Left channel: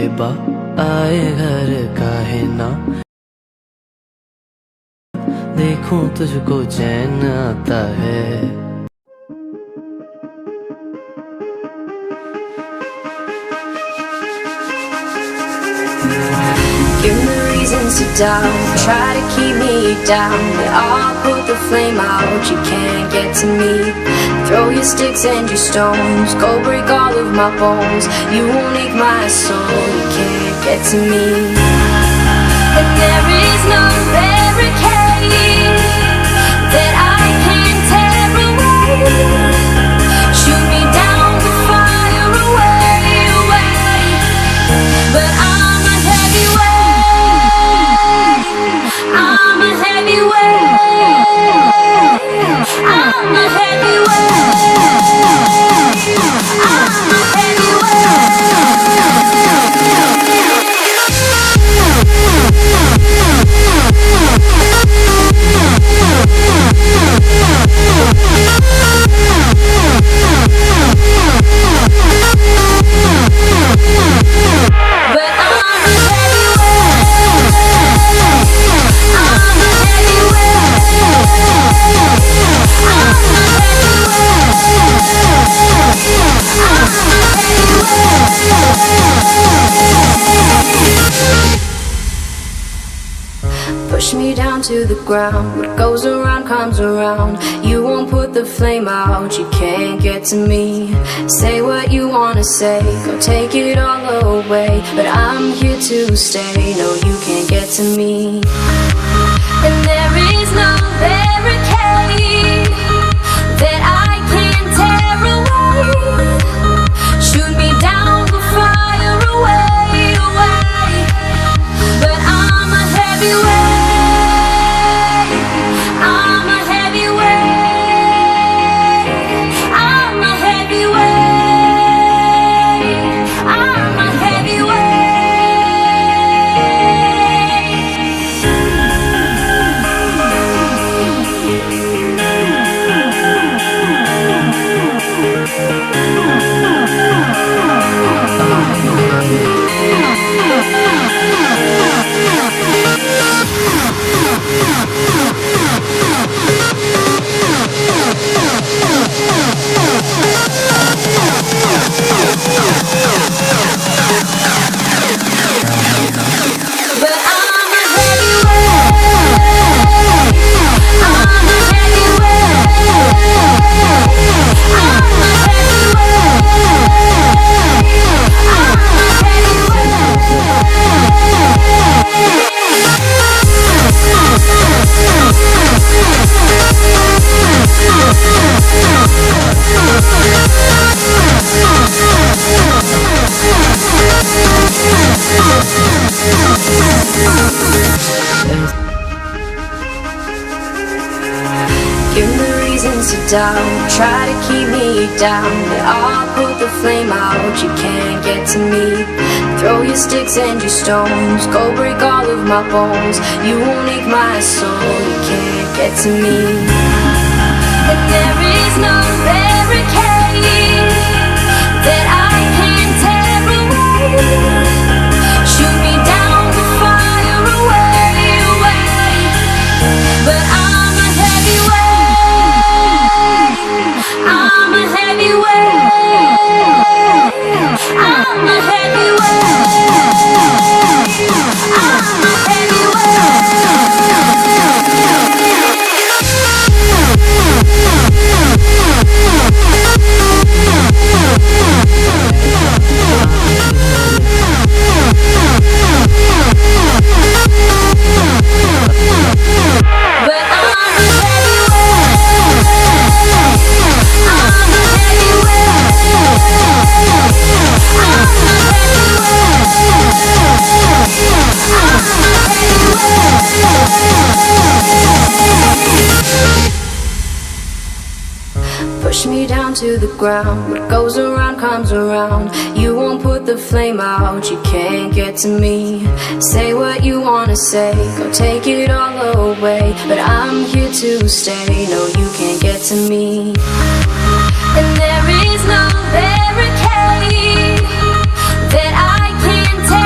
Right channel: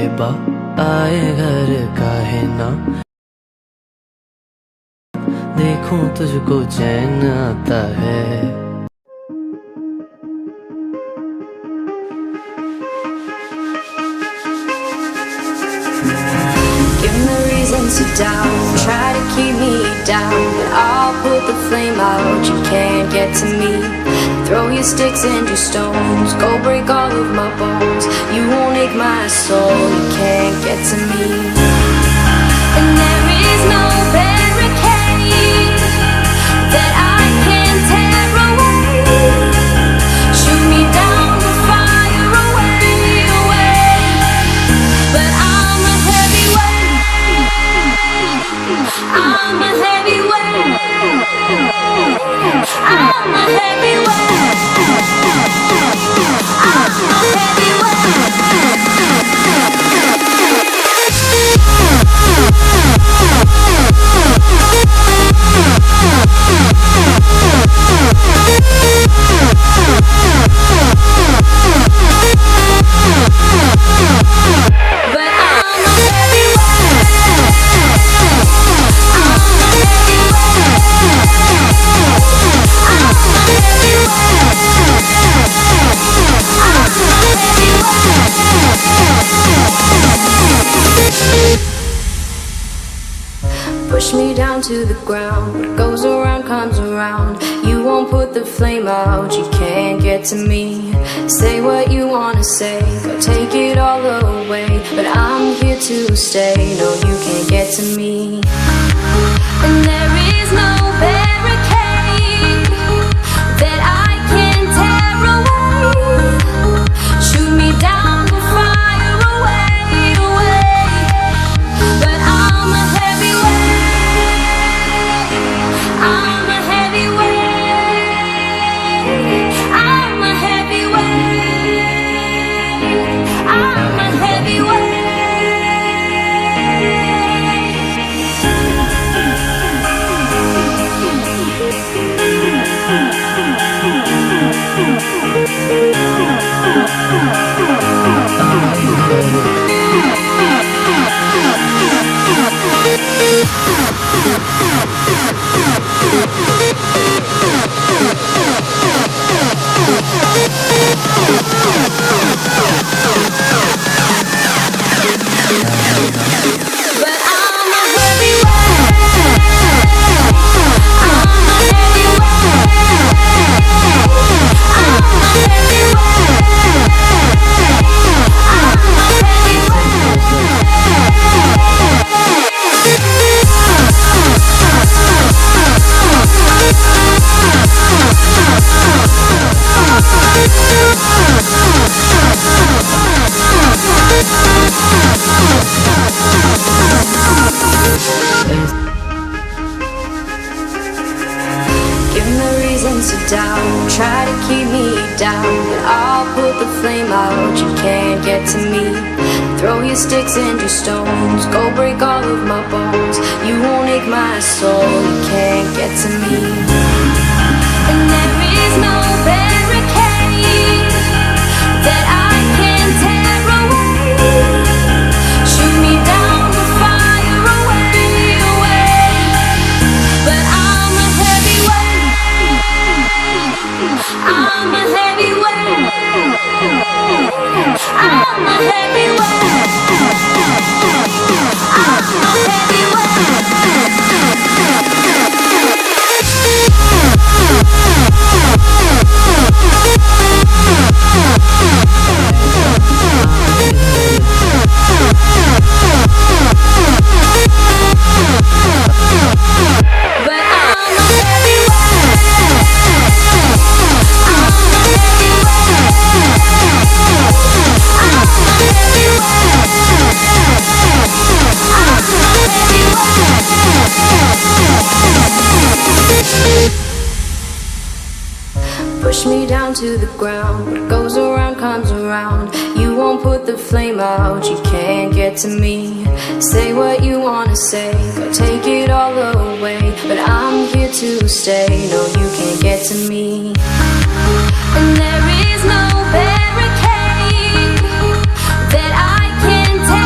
साहिबा आए घर काहे ना, देखूं तुझको चैन आता है। Give me reasons to doubt, try to keep me down, but I'll put the flame out, you can't get to me. Throw your sticks and your stones, go break all of my bones, you won't ache my soul, you can't get to me. And there is no barricade that I can tear away. Shoot me down to fire away, away, but I'm a heavyweight, I'm a heavyweight, I'm a heavyweight, I'm a push me down to the ground, what goes around comes around, you won't put the flame out, you can't get to me. Say what you wanna say, go take it all away, but I'm here to stay, no you can't get to me. And there is no barricade that I can tear away. Shoot me down to fire away, away, but I'm a heavyweight, I'm a heavyweight, I'm a heavyweight, I'm a heavyweight. But I'm a heavyweight, I'm a heavyweight, I'm a heavyweight, I'm a Give me reasons to doubt, try to keep me down, but I'll put the flame out, you can't get to me. Throw your sticks and your stones, go break all of my bones, you won't ache my soul, you can't get to me. And there is no barricade that I can tear away. Shoot me down to fire away, away, but I'm a heavyweight, I'm a heavyweight, I'm a heavyweight, I'm a but I'm a heavyweight, I'm a heavyweight, I'm a heavyweight, I'm a heavyweight. Push me down to the ground, what goes around comes around, you won't put the flame out, you can't get to me. Say what you wanna say, go take it all away, but I'm here to stay, no you can't get to me. And there is no barricade that I can take.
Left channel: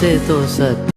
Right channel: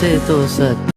से तो सच